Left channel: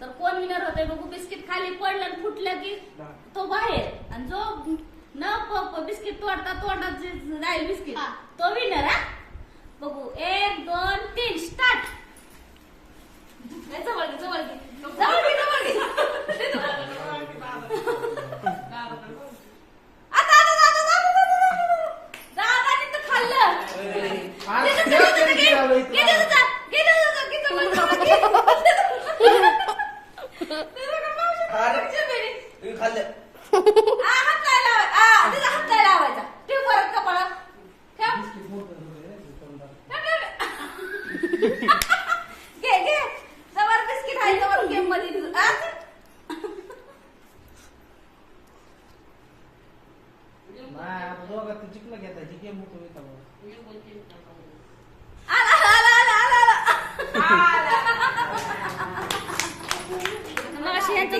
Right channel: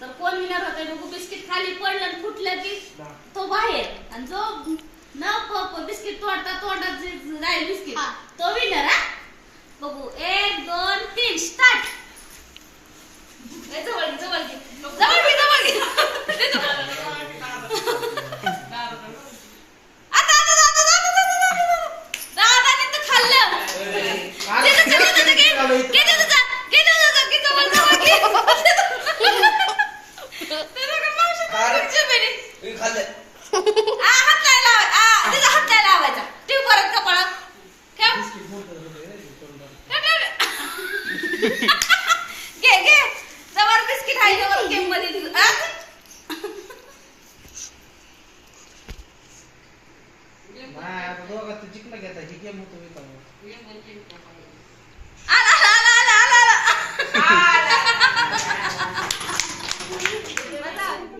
तर कोण विनर होते बघू बिस्किट खाली पडलं आणि फुटलं की तो बाहेर आणि जो न बिस्किट तोडता तोडत राहील जाईल बिस्किट हा. तो विनर हा बघू एक दोन तीन स्टार्ट नाही, जवळ घे, जवळ घे. जवळ घे, जवळ घे. आता, आता, आता, आता, आता, आता, आता. दादाने तर खाल्लं. घे तुझं, घे तुझं, घे. घे ते तुझं, घे ते तुझं, घे जवळ, जवळ, घे. तुला का मावशी खायची बेरी? आ, हात नाही लावाय- आ, तिचा हात नाही लावायचा. ठेव परत कपाळात. ठेव. ठेव, ठेव, ठेव. घे घे जवळ बिस्किट आहे जवळ गेममध्ये तू. आ? आला आला आला आला अशी यांचं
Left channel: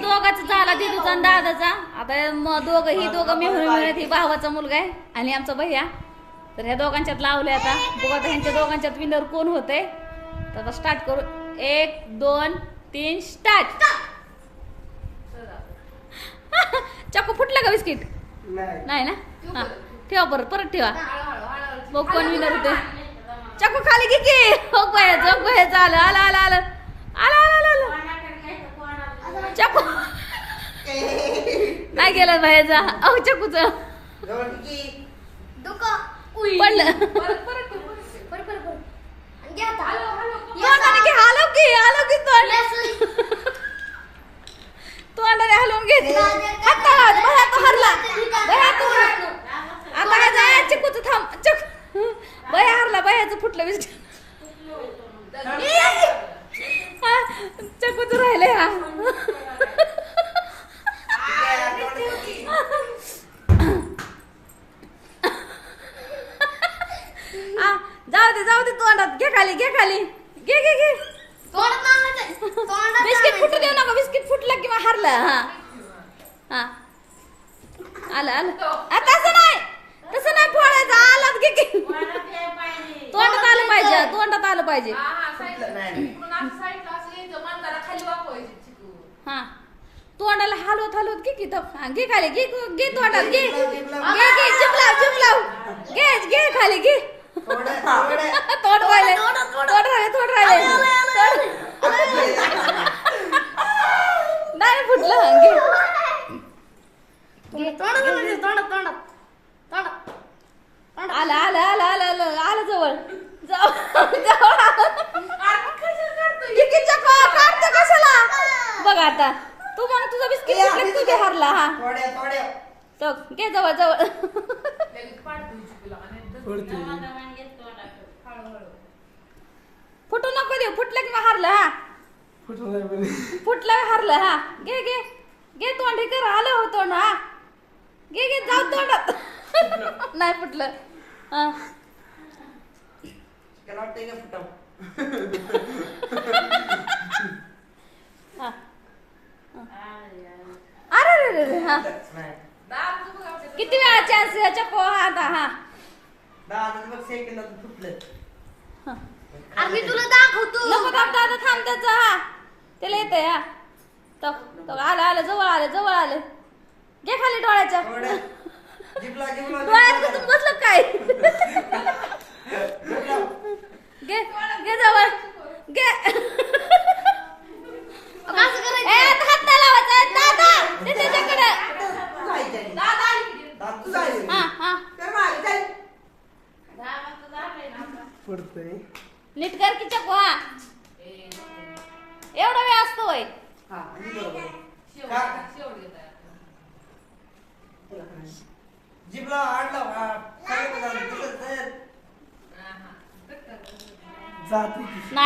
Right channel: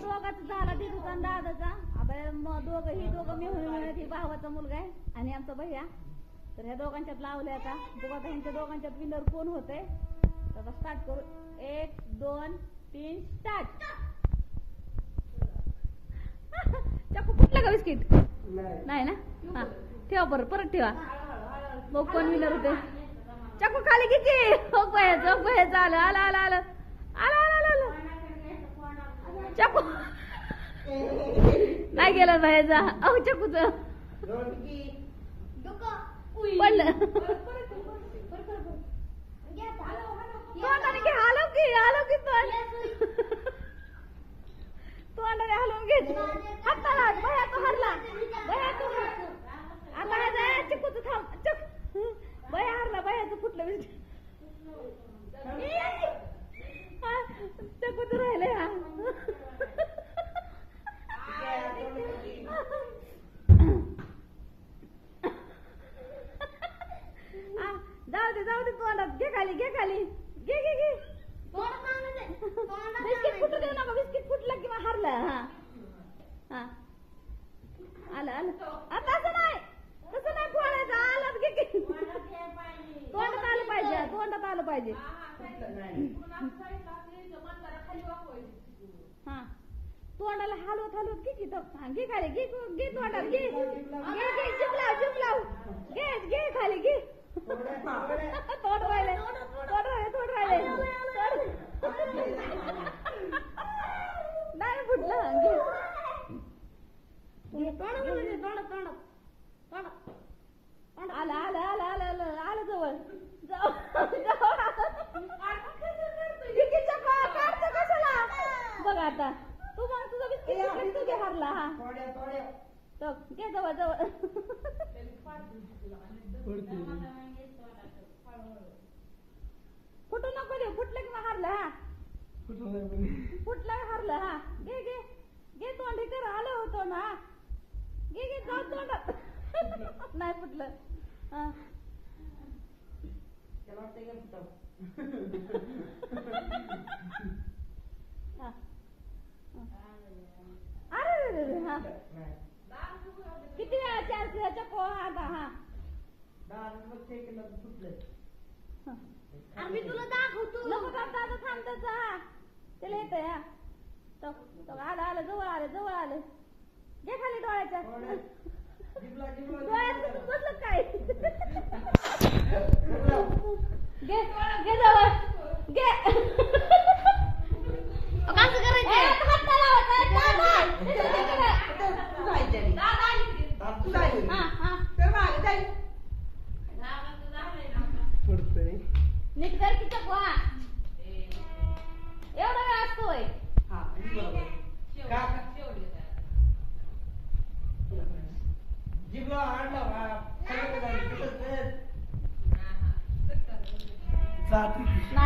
दोघांचं झाला दिदूचा आणि दादाचा. आता मग दोघं ही दोघं मिळून मिळत ही भावाचा मुलगा आहे आणि आमचा भैया. तर ह्या दोघांच्यात लावले आता. बघू आता ह्यांच्या दोघांच्यात विनर कोण होते तर आता स्टार्ट करू. एक दोन तीन स्टार्ट चाकू फुटलं का बिस्किट? नाही. ना? हा. ठेवा परत परत ठेवा. बघ कोण विनर होते चाकू खाली घे की. हो भैया जोग भैयाचं आलं आलं आलं आलं. आलं आलं आलं आलं. चाकू. नाही गेलं भैयाचा अहो चाकूच. पडलं. तोंडाने घे हलव की हलव की तोंड. तोंडाने हलवून घे. हात लावत भया तो हरला. भया तू आता काय जाय चिकूच थांब. चक. भया हरला भयाचं फुटलं बिस्किट चकूच राहिले हा. जाऊ दे जाऊ दे तोंडात. घे खाली घे खाली. घे घे घे. बिस्किट फुटू देऊ नका. बिस्किट फुटलं किंवा हरलं. हा. हा. आलं आलं आ, तसं नाही तसं नाही फोडायचं आलं घे की तोंडात आलं पाहिजे तोंडात आलं पाहिजे. हा तोंडाला हलवत हलवत घे की तो घे खाली घे घे तोंडात घे घे. घे चिपलाव चिपलाव. घे घे खाली घे. तोंड राहिले. तोंड राहिले तोंड राहिले. तोंड- नाही फुटलं. घे. आलं आलं आलं आलं आलं आलं जवळ. बघ आता. तू मग तुझा बिस्किट फुटलं की तू बी हरला हा? तो घे जवळ जवळ. फुटू नको देऊ. फुटलं की मग हरलं हा? फुटलं हरलं हा? घे घे. घे तोंड हे कर. आलं हो तोंड हा? घे घे. जाऊ तोंडात. नाही फुटलं. हा. हा. अरे रे रे हा. किती वेळा चान्स चको हा आता हा. आम्ही तुला दाखवतो. नको थांब दादा थांब त्याचा हा. त्याला येतंय हा. तो तो आलं आलं जवळ आलं जवळ आलं. घे खाली डोळ्याच्या. घे घे जवळ. घे. असं करायचं ए, आता हात नाही लावायचा. दादा ते त्याच्याकडे. हा हा. नीट कर की चकू हा. एवढा वेळ असतो वय जिबला आणला 哪一